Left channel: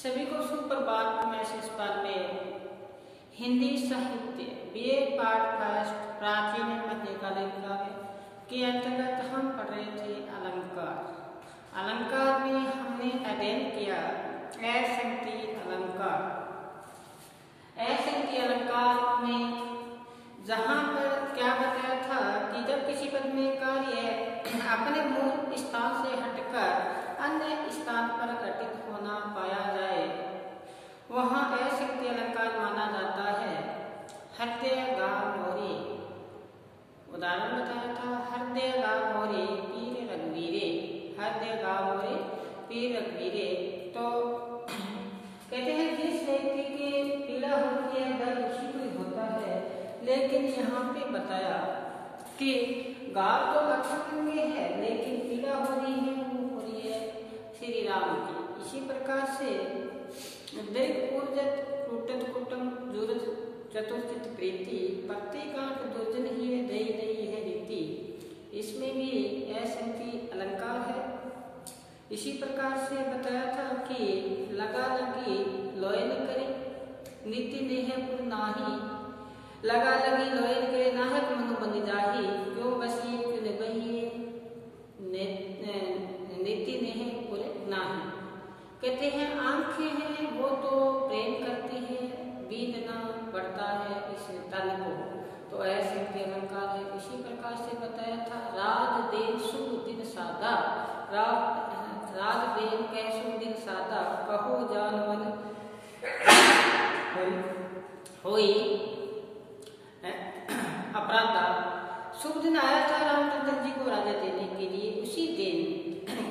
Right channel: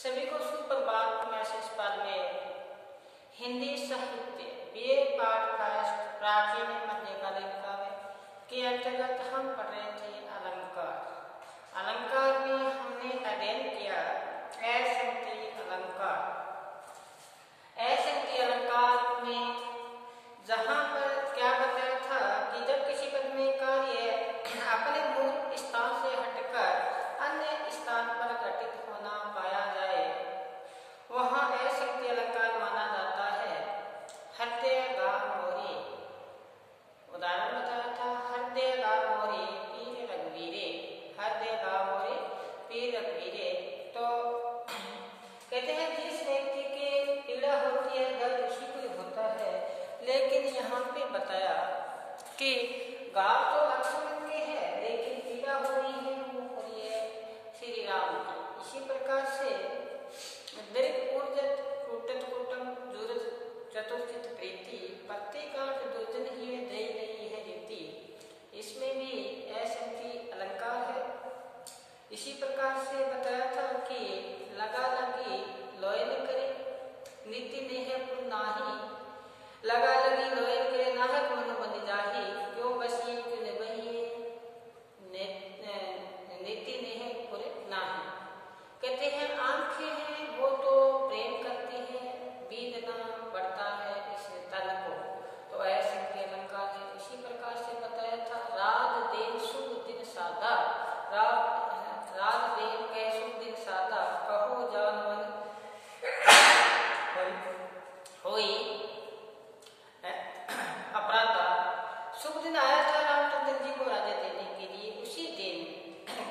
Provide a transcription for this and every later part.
सभी को सुप्रभात। मैं शिष्यपाल में हिंदी साहित्य बीए पाठ्यक्रम प्राचीन मध्यकालीन काव्य के अंतर्गत हम पढ़ रहे थे अलंकार। अलंकार में हमने अध्ययन किया असंख्य अलंकार। असंख्य अलंकार में जहाँ पर क्या बताया था कि जब किसी पद में कार्य अपने मूल स्थान से हटकर अन्य स्थान पर घटित होना पाया जाए वहाँ असंख्य अलंकार माना जाता है। हृदय गा मोरी उदाहरण बताया था, हृदय गा मोरी पीर रघुवीरे, हृदय गा मोरी पीर रघुवीरे। तो कहते हैं जिस व्यक्ति की पीड़ा होती है दर्द उसी को होता है, लेकिन यहाँ पे बताया कि गा तो लक्ष्मण के है लेकिन पीड़ा हो रही है वो हो रही है श्री राम की। इसी प्रकार से दीर्घ ऊर्जत कुटत कुटम जुरज चतुर्चित प्रीति प्रत्येकांत दुर्जन ही दई नहीं है रीति। इसमें भी असंख्य अलंकार है। इसी प्रकार से बताया था कि लगा लगी लोय न करे नीति ने है पुन नाही, लगा लगी लोय करे नाहक मनु बन जाही, क्यों बसी क्यों निबही नीति ने है पूरे नाही। कहते हैं आंखें हैं वो तो प्रेम करती है, बीतना बढ़ता है इस तन को। तो ऐसे के अलंकार है। इसी प्रकार से बताया था रात दिन शुभ दिन सादा, रात दिन कह शुभ दिन सादा, कहो जान मन होई अपराधा। शुभ दिन आया था रामचंद्र जी को राजा देने के लिए। उसी दिन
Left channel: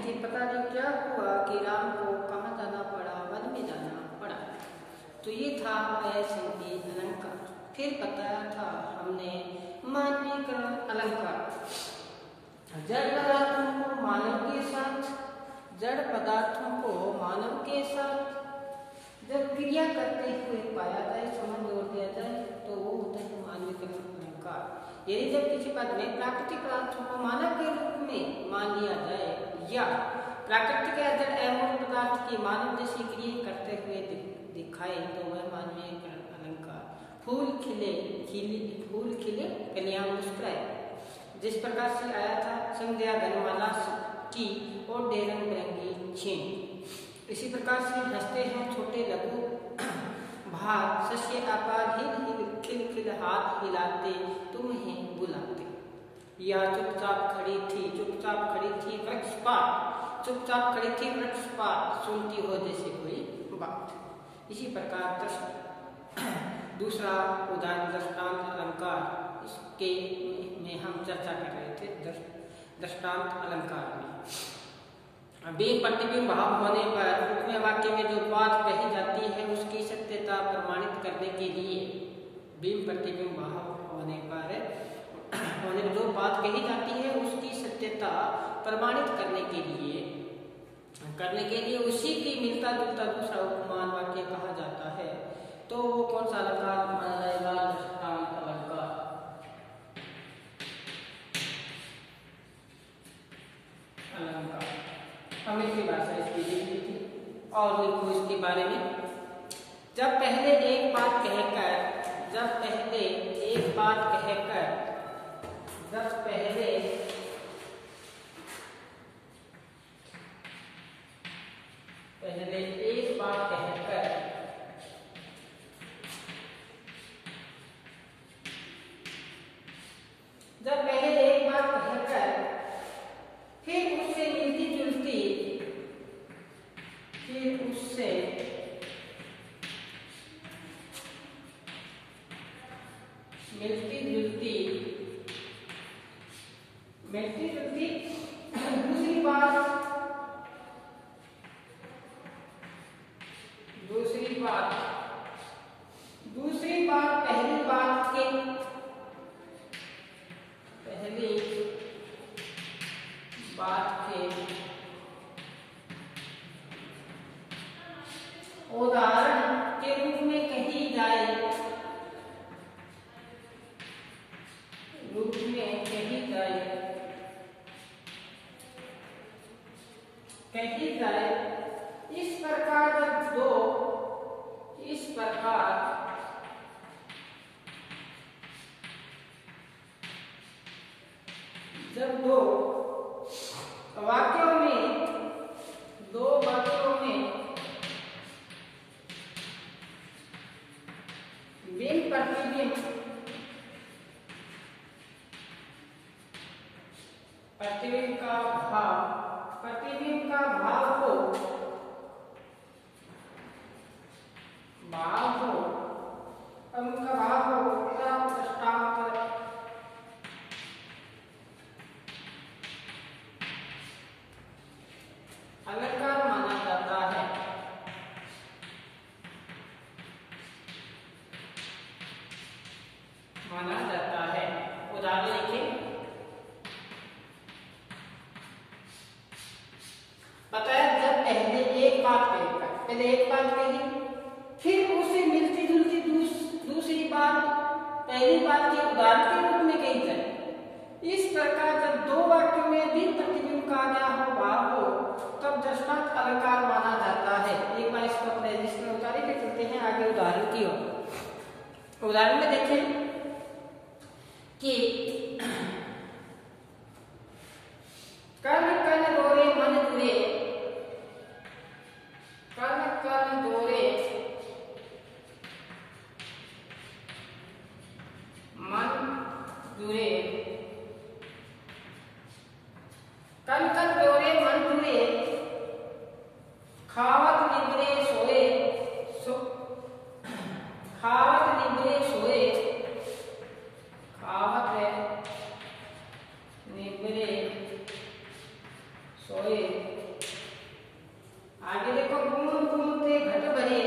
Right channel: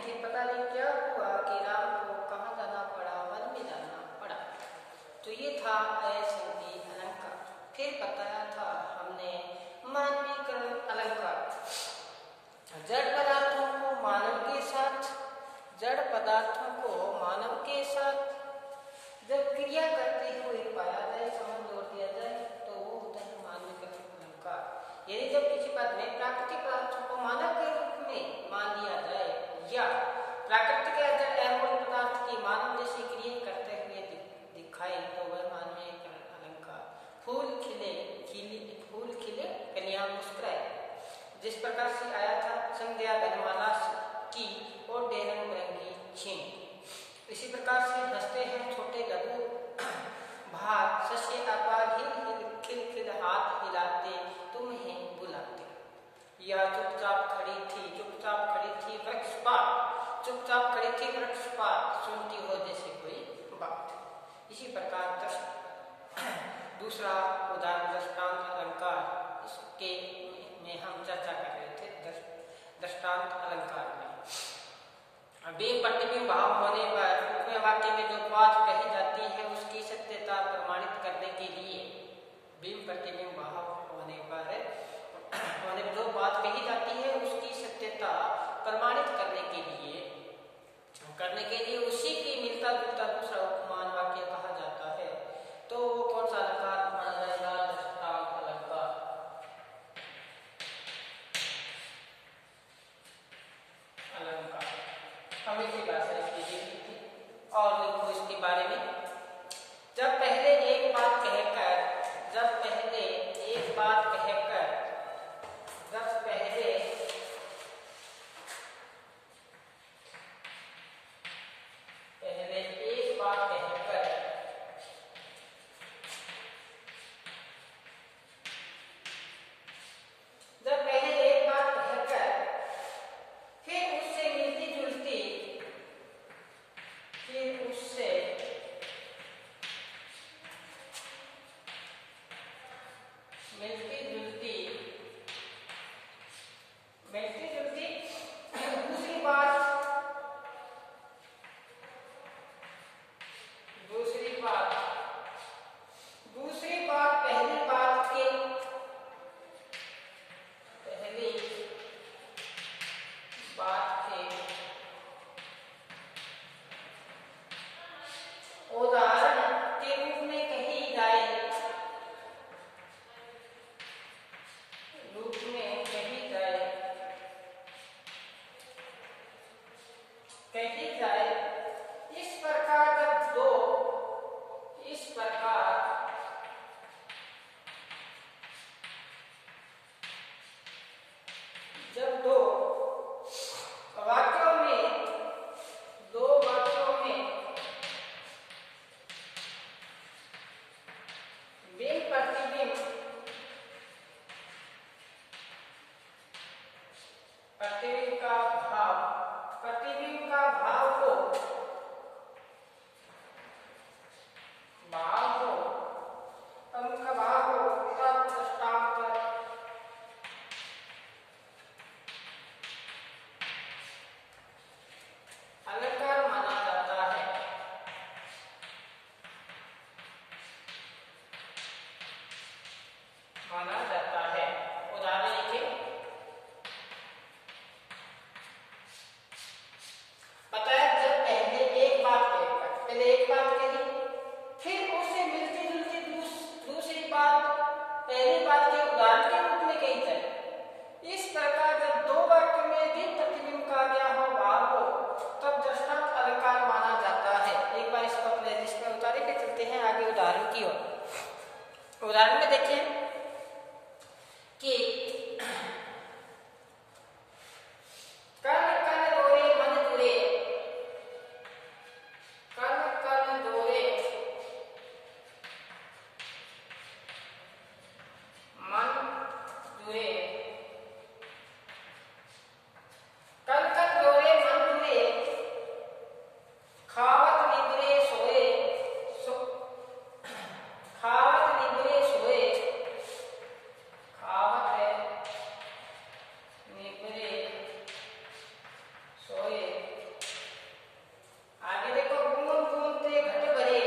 कि पता नहीं क्या हुआ कि राम को कहाँ जाना पड़ा, वन में जाना पड़ा। तो ये था असंख्य अलंकार। फिर बताया था हमने मानवीकरण अलंकार। जड़ पदार्थों को मानव के साथ, जड़ पदार्थों को मानव के साथ जब क्रिया करते हुए पाया जाए, समझ जोड़ दिया जाए तो वो होता है मानवीकरण अलंकार। यदि जब किसी पद में प्राकृतिक पदार्थों को मानव के रूप में मान लिया जाए या प्राकृतिक या जड़ अमूल पदार्थ की मानव जैसी क्रिया करते हुए दिखाए तो वह मानवीकरण अलंकार। फूल खिले फूल खिले कन्या मुस्कुराए, जिस प्रकार से आया था संध्या गनमाला की और रंग बिरंगी छीन। इसी प्रकार से हंसते हैं छोटे लघु भाग सस्य अपार हिल खिल खिल हाथ हिलाते तुम्हें बुलाते। या चुपचाप खड़ी थी वृक्ष पात, चुपचाप खड़ी थी वृक्ष पात, सुनती हो जैसे कोई बात। इसी प्रकार दूसरा उदाहरण दृष्टांत अलंकार, इसके में हम चर्चा कर रहे थे दृष्टांत अलंकार में। बिंब प्रतिबिंब भाव होने पर उपमेय वाक्य में जो बात कही जाती है उसकी सत्यता प्रमाणित करने के लिए, बिंब प्रतिबिंब भाव होने पर जो बात कही जाती है उसकी सत्यता प्रमाणित करने के लिए उसी की मिलता जुलता दूसरा उपमान वाक्य कहा जाता है। तो वो कौन सा अलंकार माना जाएगा? दृष्टांत अलंकार। अलंकार अंग्रेजी भाषा इसकी लिखी थी और लिखो इसके बारे में। जब पहले एक बात कहकर फिर उससे मिलती जुलती दूसरी बात पहली बात के उदाहरण के रूप में कही जाए, इस प्रकार जब दो वाक्यों में बिंब प्रतिबिंब प्रतिबिंब का भाव हो तब दृष्टांत अलंकार माना जाता है। उदाहरण लिखिए। बताया जब पहले एक बात कही, फिर उसे मिलती जुलती दूसरी बात पहली बात के उदाहरण के रूप में कही जाए। इस प्रकार जब दो वाक्यों में बिंब प्रतिबिंब का गया हो भाव हो तब दृष्टांत अलंकार माना जाता है। एक बार इस पर इसमें उतारी ले चलते हैं आगे उदाहरण की ओर। उदाहरण में देखें कि कण कण दोरे मन जुरे, कण कण दोरे मन जुरे, कण कण दोरे मन जुरे, खावत निद्रे सोए, खावत निद्रे सोए, खावत निद्रे सोए। आगे देखो बूंद बूंद से घट भरे,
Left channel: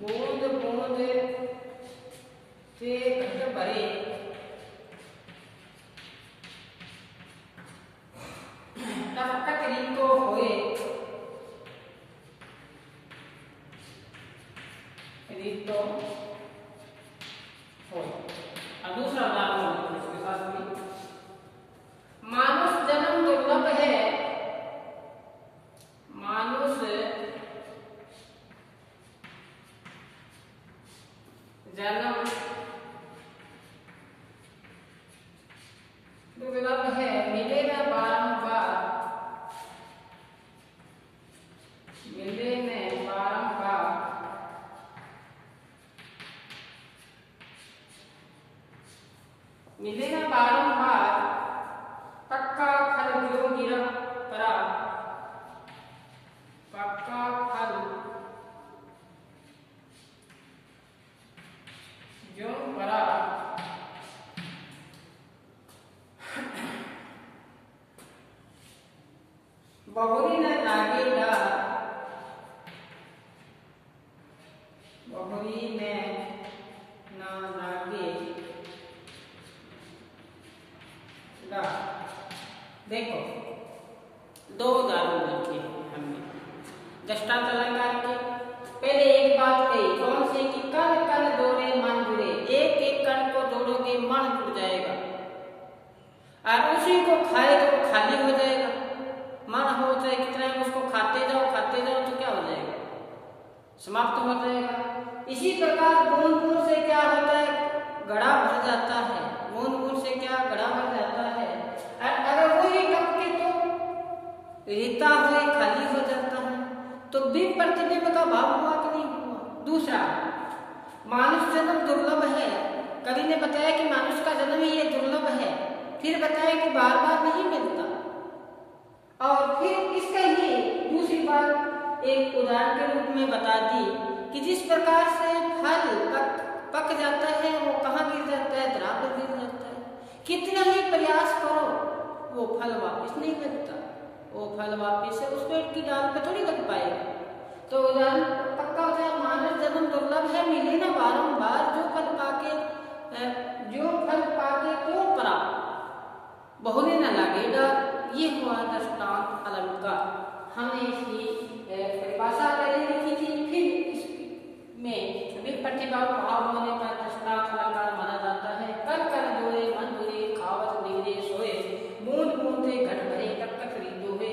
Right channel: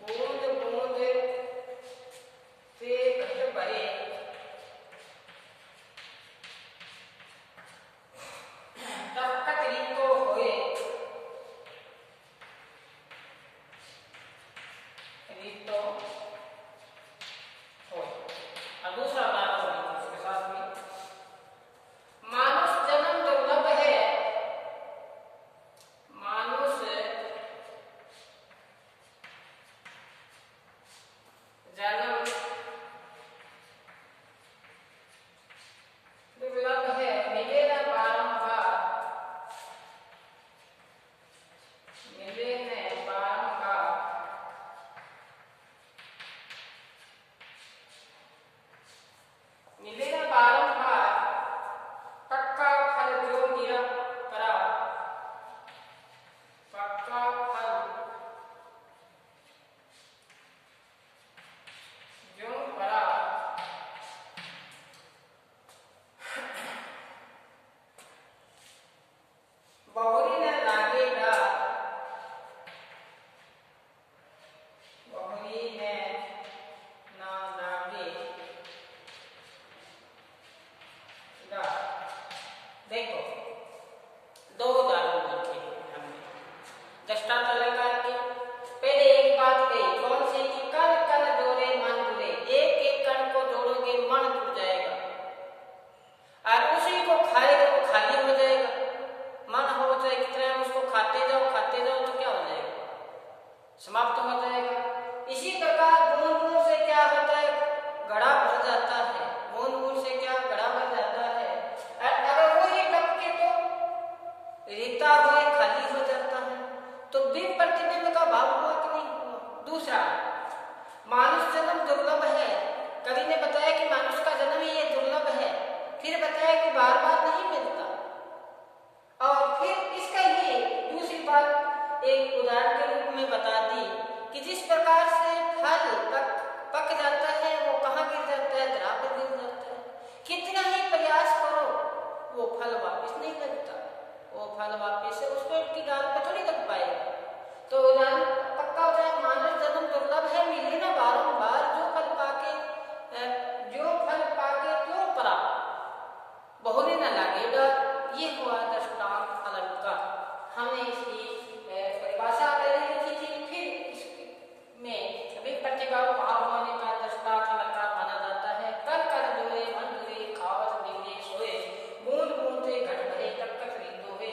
बूंद बूंद से घट भरे, तब तक रीतो होए, रीतो होए। और दूसरा उदाहरण इसके साथ में मानुष जन्म दुर्लभ है, मानुष जन्म दुर्लभ है, मिले न बारंबार, मिले न बारंबार, मिले न बारंबार, पक्का फल जो गिरा परा, पक्का फल जो परा, बहुरी न लागे डर, बहुरी में न लागे डर। देखो दो उदाहरण लिखे हमने दृष्टांत अलंकार के। पहले एक बात कही, कौन सी कि कण कण दोरे मन जुरे, एक एक कण को जोड़ोगे मन जुड़ जाएगा और उसी को खाएगा तो खाली हो जाएगा। मन हो चाहे कितना उसको खाते जाओ तो क्या हो जाएगा, समाप्त हो जाएगा। इसी प्रकार बूंद बूंद से क्या होता है, घड़ा भर जाता है, बूंद बूंद से क्या घड़ा भर जाता है। अगर वही टपके तो रीता हुए खाली हो जाता है। तो बिंब प्रतिबिंब का भाव हुआ कि नहीं हुआ। दूसरा, मानुष जन्म दुर्लभ है, कवि ने बताया कि मानुष का जन्म ही ये दुर्लभ है, फिर बताया कि बार बार नहीं मिलता। और फिर इसका ही दूसरी बात एक उदाहरण के रूप में बता दी कि जिस प्रकार से फल पक जाता है वो कहाँ गिर जाता है, धरा पर गिर जाता है। कितना ही प्रयास करो वो फल वापस नहीं लगता, वो फल वापस से उस पेड़ की डाल पर थोड़ी लग पाएगा। तो उदाहरण पक्का हो जाए, मानव जन्म दुर्लभ है, मिले ना बारंबार, जो फल पाके क्यों परा, बहुरे न लागेगा। ये हुआ दृष्टांत अलंकार। हमने इसकी परिभाषा लिखी थी। फिर इसमें सभी प्रतिभाव भाव होने पर दृष्टांत अलंकार माना जाता है। कर कर दूरे मन दूरे, खावत निगरे सोए, बूंद बूंद से घट भरे, तक तक रीतो हुए।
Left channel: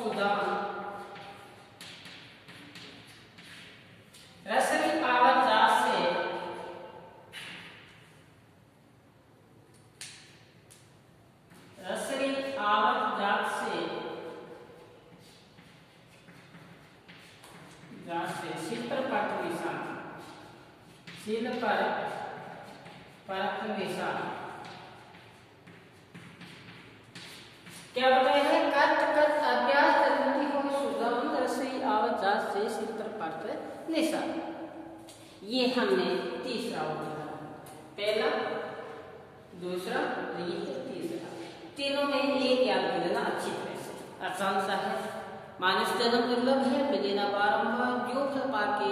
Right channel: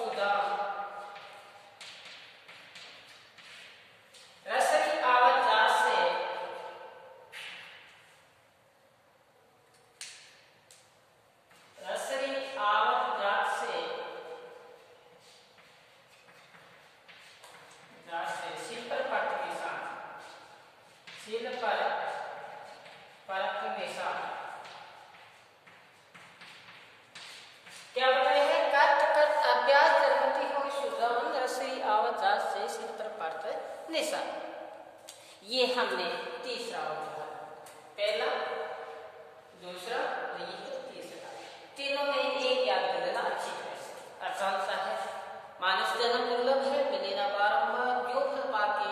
सुदाम रसरी आवत जात से रसरी आवत जात से सिल पर परत निशान सिल पर परत निशान क्या बताया है? कर्त कर्त अभ्यास करती हुई सुदाम रसरी आवत जात से सिल पर परत निशान। ये हमने तीसरा हो गया, पहला, दूसरा, तीसरा। तीनों में एक याद कर लेना अच्छी तरह से, आसान सा है। मानस जन्म दुर्लभ है, मिलेना बारंबार, जो फल पाके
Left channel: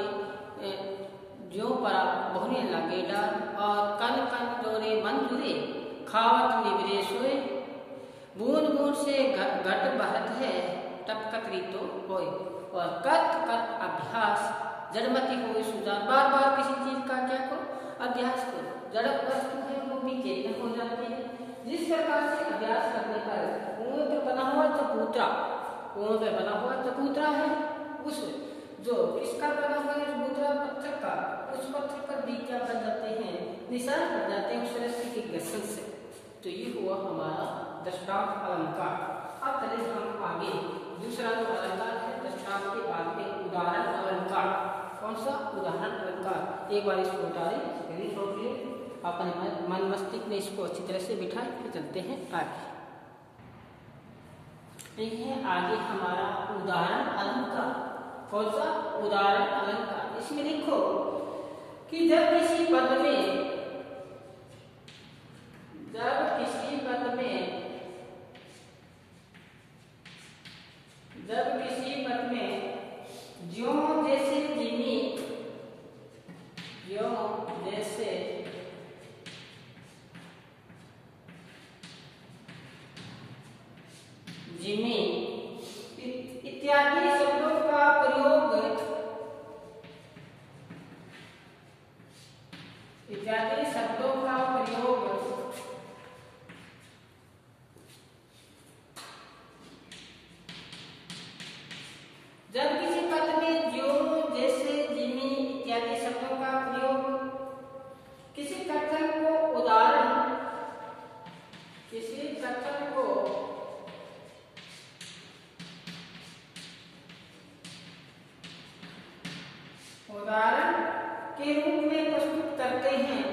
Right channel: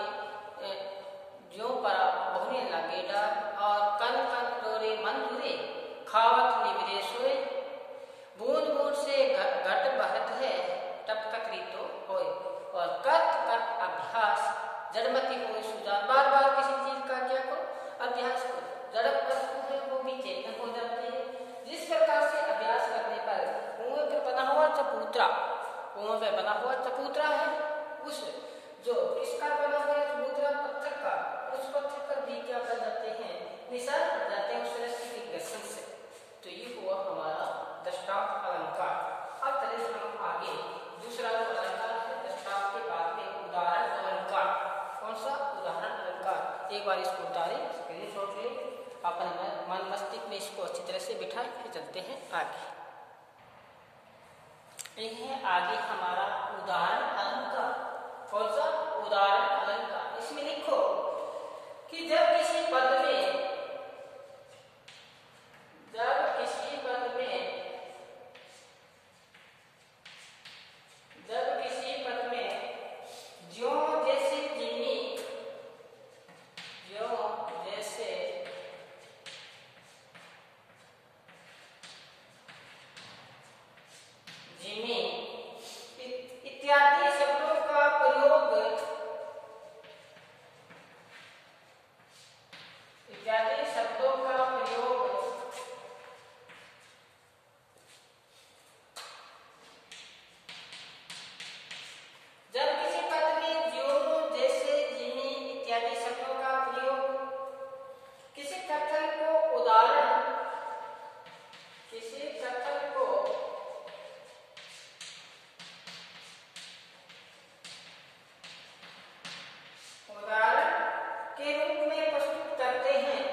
जो परा बहुने लगे डार, और कन कन डोरे मन धुरे, खावत निवरे सोए, बूंद बूंद से घट बहत है, टप तक रीतो होए, और कर्त कर्त अभ्यास जड़मती हो सुधा। बार बार किसी चीज का क्या करो? अभ्यास करो। जड़ वस्तु है वो भी चेतन हो जाती है। जिस प्रकार से अभ्यास करने पर कुएं पर बना हुआ चबूतरा है, उस जो किसका बना हुआ चबूतरा पत्थर का, उस पत्थर पर भी क्या बन जाते हैं? निशान पड़ जाते हैं उस रस्सी के घर्षण से। तो ये हुआ हमारा दृष्टांत अलंकार। अब चले हम आगे, दूसरा जो अलंकार है दृष्टांत के बाद में उदाहरण अलंकार। कौन सा? उदाहरण अलंकार। एक बार इसको उतारें, नोट ले, अपन मन मस्तिष्क में इसको अच्छी तरह से बिठाए, फिर चलते हैं आगे। ये है आगे हमारा उदाहरण अलंकार। कौन सा? उदाहरण अलंकार। इसमें लिखो कि जब किसी पद में ज्यों जैसे जिमी, ज्यों जैसे जिमी इत्यादि शब्दों का प्रयोग जब किसी पद में ज्यों जैसे जिमी इत्यादि शब्दों का प्रयोग किसी कथन को उदाहरण के रूप में प्रस्तुत करते हैं,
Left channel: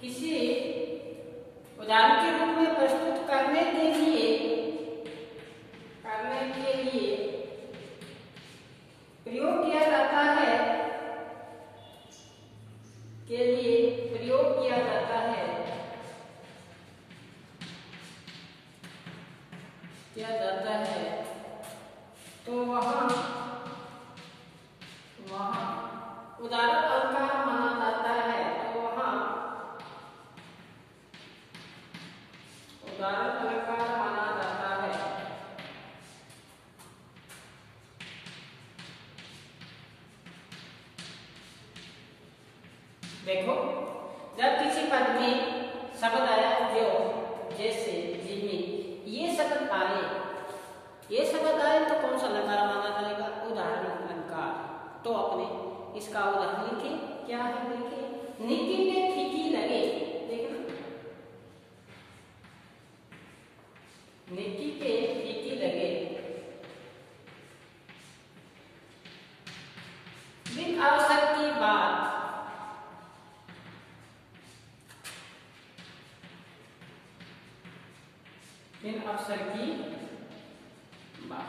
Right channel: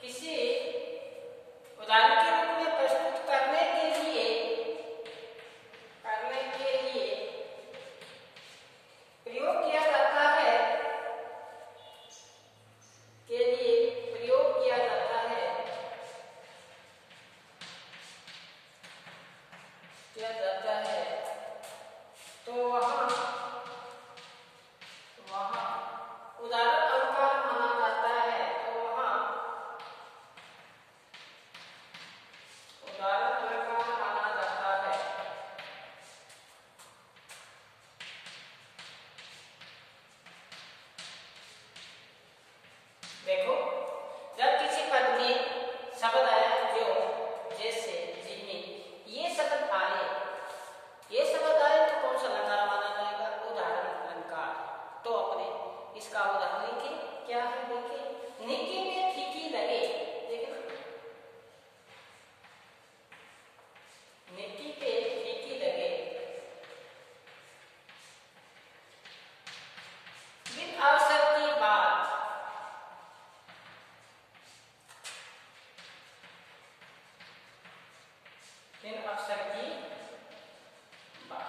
किसी उदाहरण के रूप में प्रस्तुत करने के लिए प्रयोग किया जाता है, तो वहाँ उदाहरण अलंकार माना जाता है। तो वहाँ उदाहरण अलंकार माना जाता है। देखो, जब किसी पद में शब्द आया जो, जैसे, जिमी, ये शब्द आए तो कौन सा अलंकार माना जाएगा? उदाहरण अलंकार। तो अपने इसका उदाहरण लिखे, क्या है देखिए, निकी में फीकी लगे, देखना, निकी पे फीकी लगे, बिन अवसर की बात, बिन अवसर की बात,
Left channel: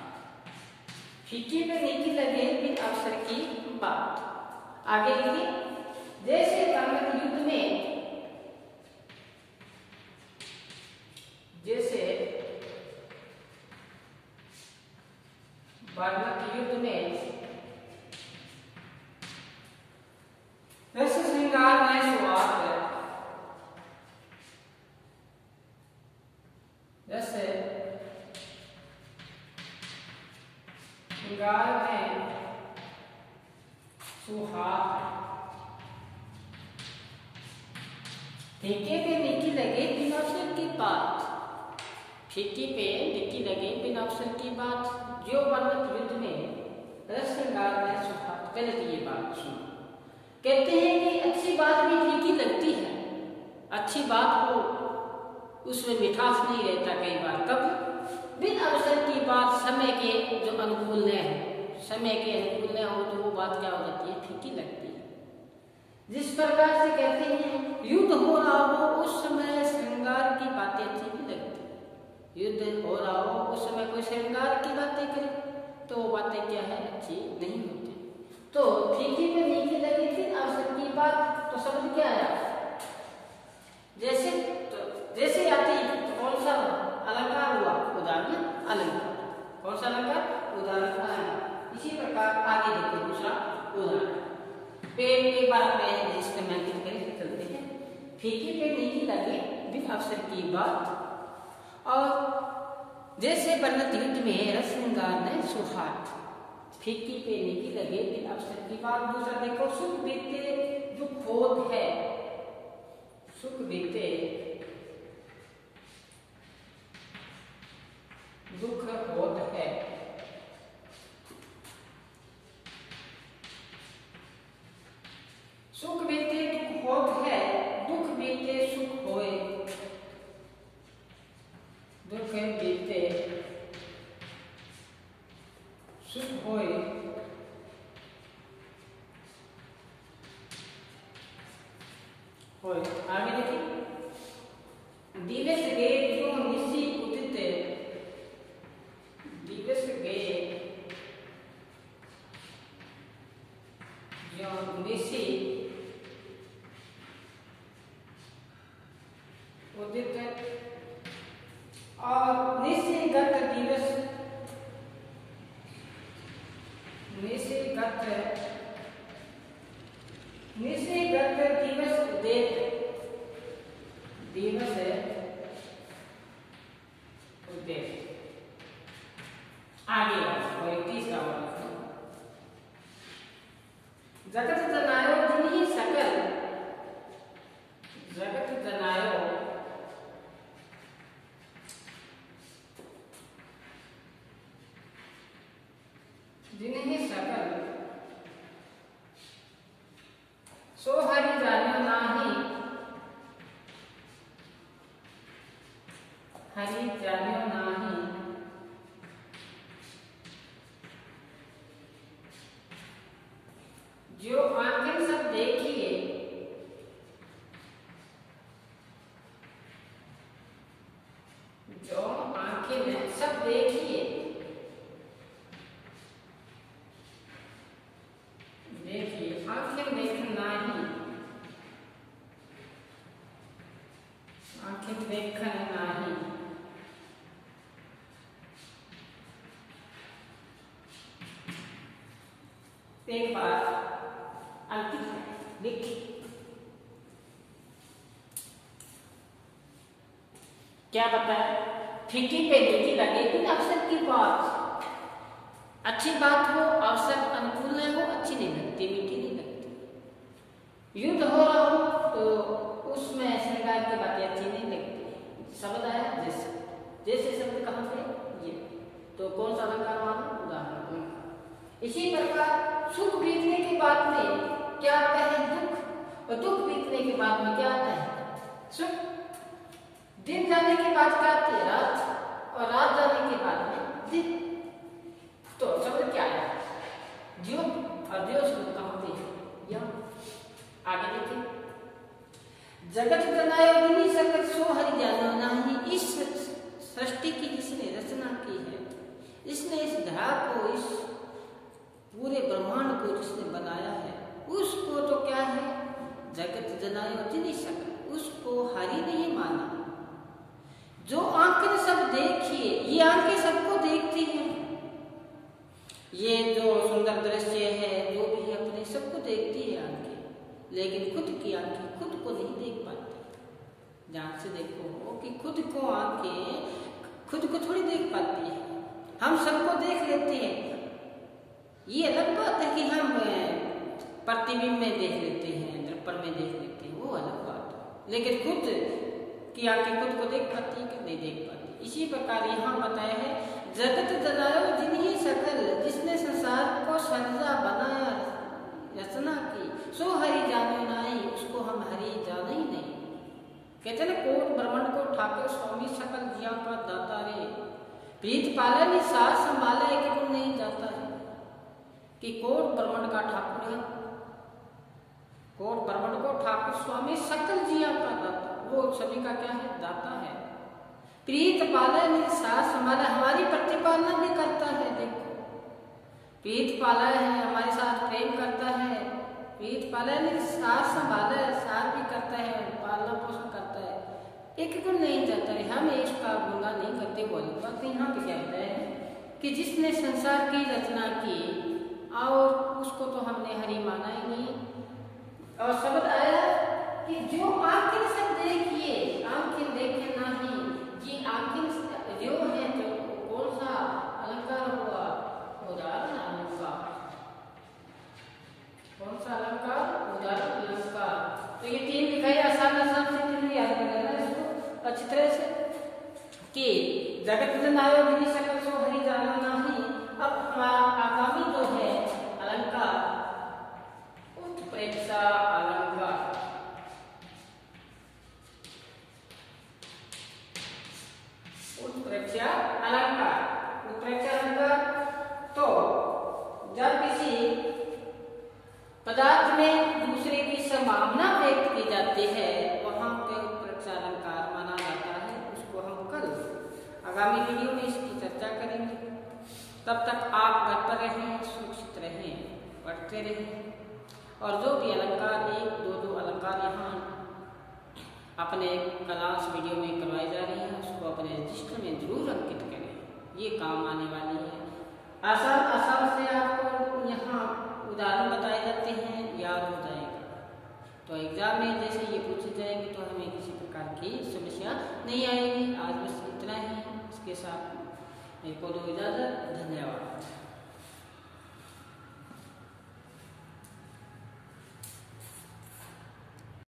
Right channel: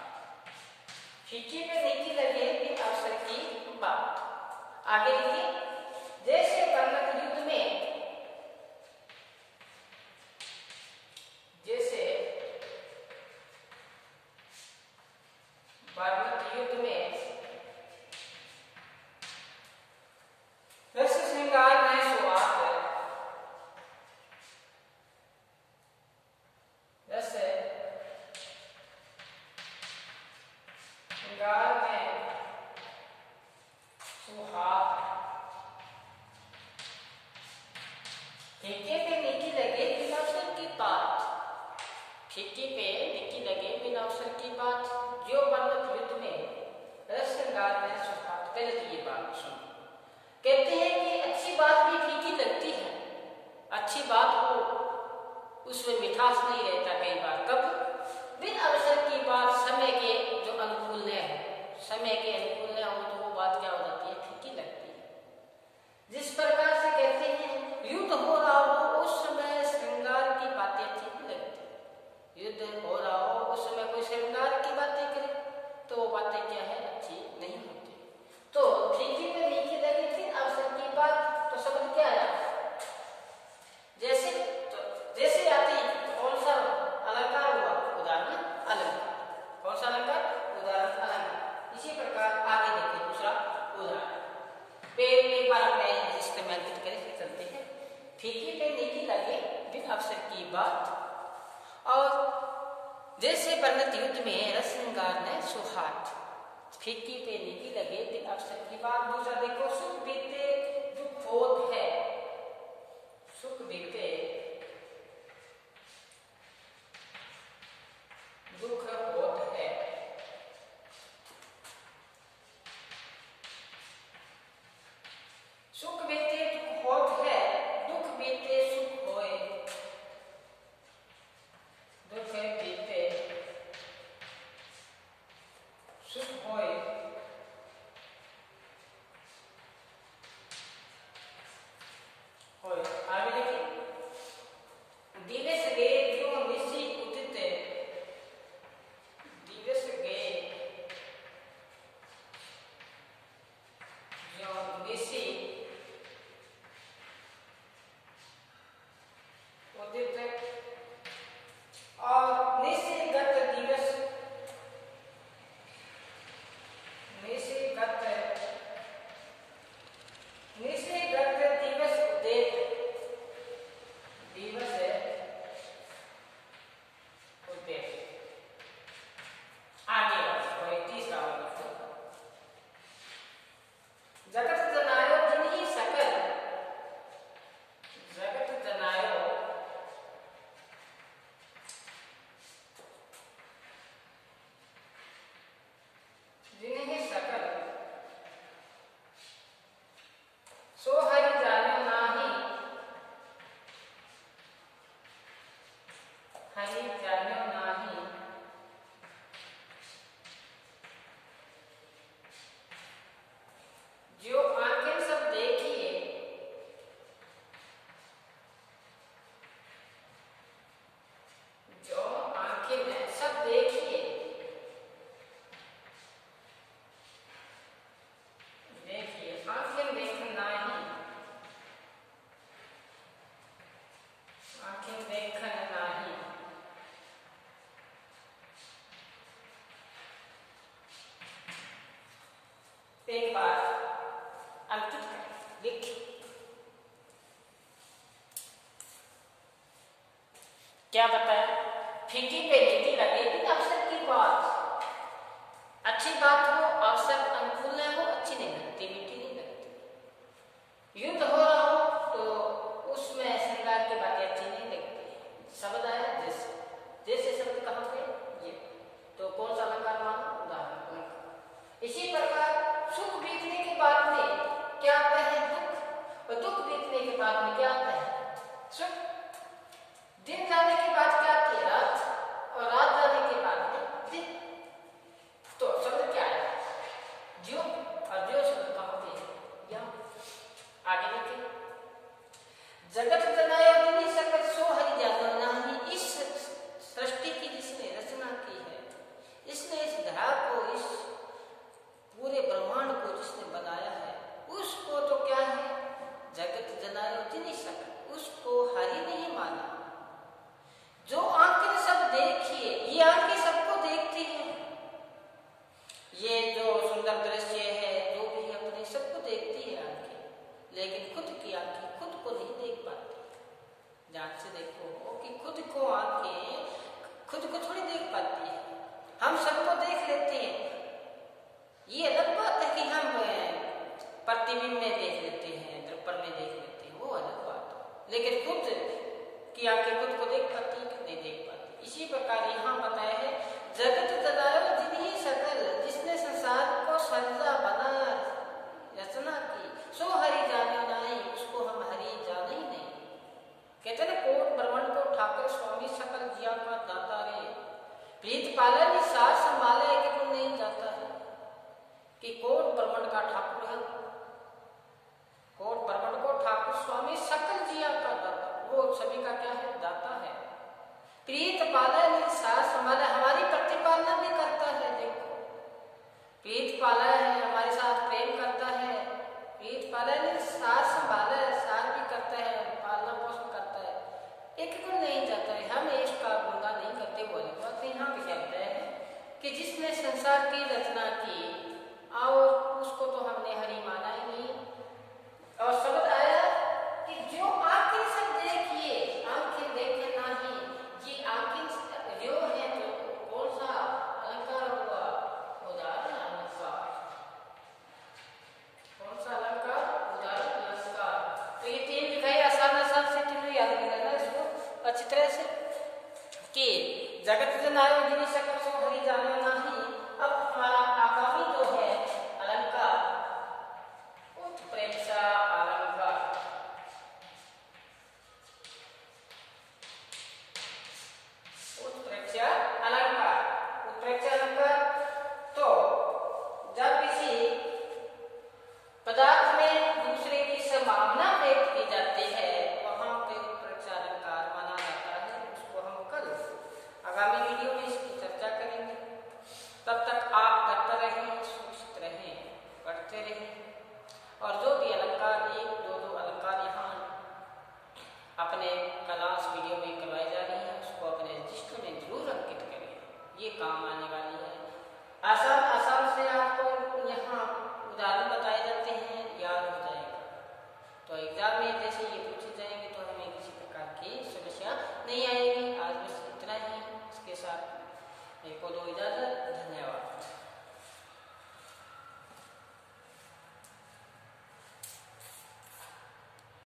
फीकी पे निकी लगे, बिन अवसर की बात। आगे लिखिए, जैसे कर्णक युद्ध में, रस श्रृंगार में सुहाग, श्रृंगार में सुहाग, फीके पे मीठी लगे बिना अवसर की बात, फीके पे मीठी लगे बिना अवसर की बात, जो वर्णक युद्ध में रस श्रृंगार में सुहाग। पहले तो ये बात सुनो, कहते हैं कि अच्छी बात भी फीकी लगती है, अच्छी बात को उसमें मिठास नहीं रहता कई बार। कब? बिन अवसर की बात, समय के जो अनुकूल न है, समय के अनुकूल न हो तो वो बात क्या हो जाती है? फीकी लगती है। जिस प्रकार से कहते हैं युद्ध हो रहा हो उस समय श्रृंगार की बातें अच्छी नहीं लगती, युद्ध हो रहा हो उस समय कोई श्रृंगार की बातें करे तो वो बातें क्या है? अच्छी नहीं होती। तो फीकी पे मीठी लगी थी अवसर की बात, तो शब्द क्या आया? जैसे आती तो कौन सा अलंकार हुआ? उदाहरण अलंकार। कौन सा अलंकार? उदाहरण अलंकार। इसी प्रकार आगे देखते दूसरा उदाहरण। पेड़ एक बार में जिससे मैं चलते हैं, फीकी पे मीठी लगे बिन अवसर की बात, और जैसे वर्णित युद्ध में रस श्रृंगार में सुहाग, फीकी पे मीठी लगे बिन अवसर की बात। दूसरा देखो, सुख बीते दुख होत है, सुख बीते दुख होत है, सुख बीते दुख होत है, दुख बीते सुख होए, दुख बीते सुख होए, होए। आगे देखिए, दिवस गए जो निशी उदित, दिवस गए जो निशी उदित, और निशिगत दिवस, निशिगत दिवस उदित, दिवस उदित। आगे और एक तीसरा जगत जनायो जिन्हीं सकल, जगत जनायो जिन्हीं सकल, सो हरि जान्यो नाही, हरि जान्यो नाही, जो आंखें सब देखिए, जो आंखें में सब देखिए, देखिए आंखें देखन नाही, आंखें देखन नाही, एक बार अंकित लिखी, क्या बताया? फीकी पे मीठी लगे बिन अवसर की बात, अच्छी बात हो अवसर अनुकूल न हो अच्छी नहीं लगती, मीठी नहीं लगती। युद्ध हो रहा हो तो उसमें श्रृंगार की बातें अच्छी नहीं लगती। शब्द आया जैसे, जैसे शब्द कहाँ पे? ये तो कौन सा अलंकार माना? उदाहरण अलंकार। इसी प्रकार सुख बीतने के बाद में क्या आता है? दुख, और दुख बीतने के बाद में क्या आता है? सुख। दिन जाने के बाद क्या आती है? रात, और रात जाने के बाद में दिन। तो शब्द क्या है? जो, और जो शब्द कहाँ पे है? यहाँ। आगे देखिए, जगत जनायो जिन्हीं सकल, सो हरि जान्यो नाही। इस सृष्टि की जिसने रचना की है, इसने इस धरा को, इस पूरे ब्रह्मांड को जिसने बनाया है, उसको तो क्या है? जगत जनायो जिन्हीं सकल, उसको हरि नहीं माना। जो आंखें सब देखिए, ये आंखें सबको देखती हैं, ये जो सुंदर दृश्य है जो भी अपने सबको देखती है आंखें, लेकिन खुद की आंखें खुद को नहीं देख पाती। ध्यान से देखो कि खुद को आंखें खुद को थोड़ी देख पाती है। हम सबको देख लेते हैं, ये अलग बात है कि हम प्रतिबिंब में देख लेते हैं, दर्पण में देख लेते हैं, वो अलग बात है। लेकिन खुद की आंखें खुद को देख पाती है कि नहीं देख पाती। इसी प्रकार यहाँ बताया है, जगत जलायो जिन्हीं सकल, जिसने संसार को सर्जा बनाया रचना की, सो हरि जाने नहीं, उसको हम हरि जाने ही नहीं। कहते ना, कोट ब्रह्मांड को ठाकुर स्वामी सकल जिया का दाता रे, प्रीत पालन सार संभाले कि कोई नहीं जाता है कि कोट ब्रह्मांड का ठाकुर है, कोट ब्रह्मांड को ठाकुर स्वामी सकल जिया का दाता, वो सभी का क्या है, दाता है। प्रीत पालन सार संभाले, हमारी प्रतिपालना भी करता है। देखो, प्रीत पाला है, हमारे साथ प्रेम करता है, प्रीत पालन सार संभाले, सार भी करता है, पालना पोषण करता है, एक को नहीं जाता है। हम इसका गुंगा नहीं करते, वो अलग बात। यहाँ पे क्या बताया है कि जिसने संसार की रचना की और उसको तो हमने हरि माना ही नहीं। और शब्द आया कि जो आंखें सब देखिए, आंखें देखे नहीं, ये आंखें जो है तो कौन सा अलंकार हुआ, उदाहरण अलंकार, कौन सा अलंकार, उदाहरण अलंकार। तो ये तीन लिखा है, आसान आसान से तीनों याद करना है इसको अच्छी तरह से कि जगत जनायो जिन्हीं सकल सो हरि जानो नहीं। अब हमारा आगामी तो है अलंकार, उत्प्रेक्षा अलंकार। उत्प्रेक्षा अलंकार, उत्प्रेक्षा अलंकार तो जब किसी पदार्थ में दूसरे की संभावना व्यक्त की जाती है, वहां पर उत्प्रेक्षा अलंकार माना जाता है। उसको हम कल आगामी वीडियो में इसकी चर्चा करेंगे। तब तक आप घर पर रहें, सुरक्षित रहें, पढ़ते रहें, और जो भी अलंकार, एक दो अलंकार यहाँ अपने क्लास वीडियो में करवाई जा रही है, उसको अपने रजिस्टर में जरूर अंकित करें, ये काम आने वाली है। आसान आसान से आपको यहाँ उदाहरण बताए जाते हैं, याद हो जाएगा। तो एग्जाम में जैसे ये पूछे जाएंगे तो हमें किसी प्रकार की समस्या नहीं आएगी। आज बस इतना ही, इसके साथ मेरे को दो इजाजत, धन्यवाद।